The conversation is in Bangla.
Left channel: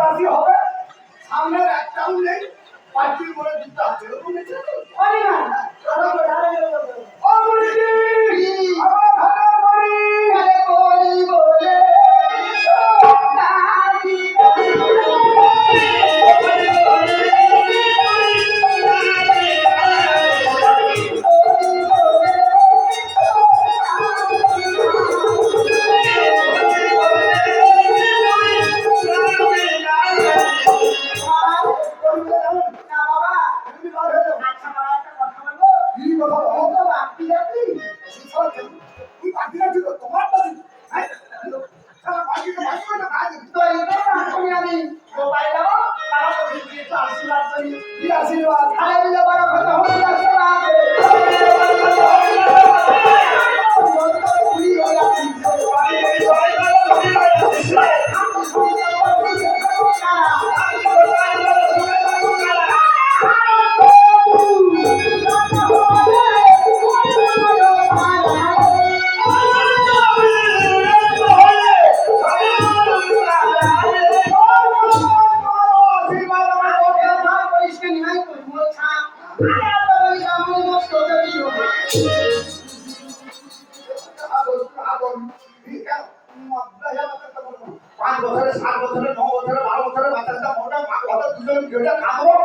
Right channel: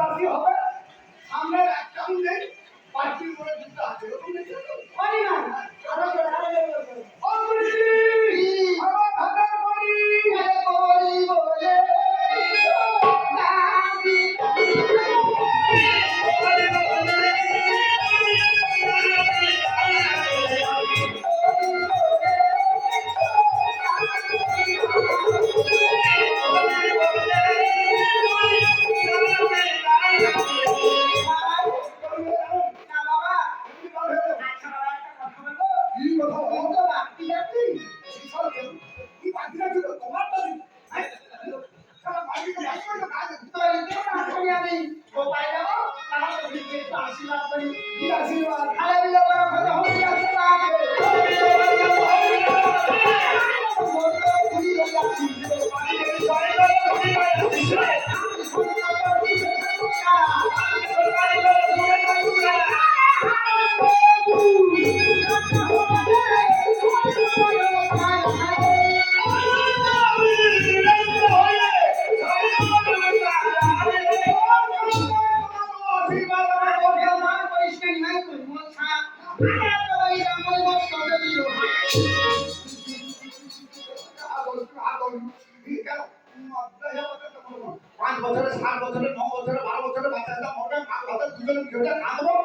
রাজি হবে সামনের একটাও নেই পার্টির করে দুটো আছে ওরকম নিচ্ছে তো পারি না ও গুরুজি আমার ভাতের বাড়ি আরে করি বলে দাদি না বাবা আচ্ছা বাবা একটা কথা বলবো কি কথা ও তো বাপি যাবি তুই পার্টি আছে তো তোমার দাবি সারা পার্টিকে ভাগ করে কাজ তো এটা আসলে আমি গোপাল যাবো তারা তো দিকে একটু আশীর্বাদ করি কি আশীর্বাদ খালে বিলে বড় কথা হয়ে যাচ্ছে না আশীর্বাদ আমার পাঁচ বছরে 7 বছরে 9 বছরে 12 বছরে বাচ্চাটা মোটা কথা দুজন ভিডিওটা কামড়ো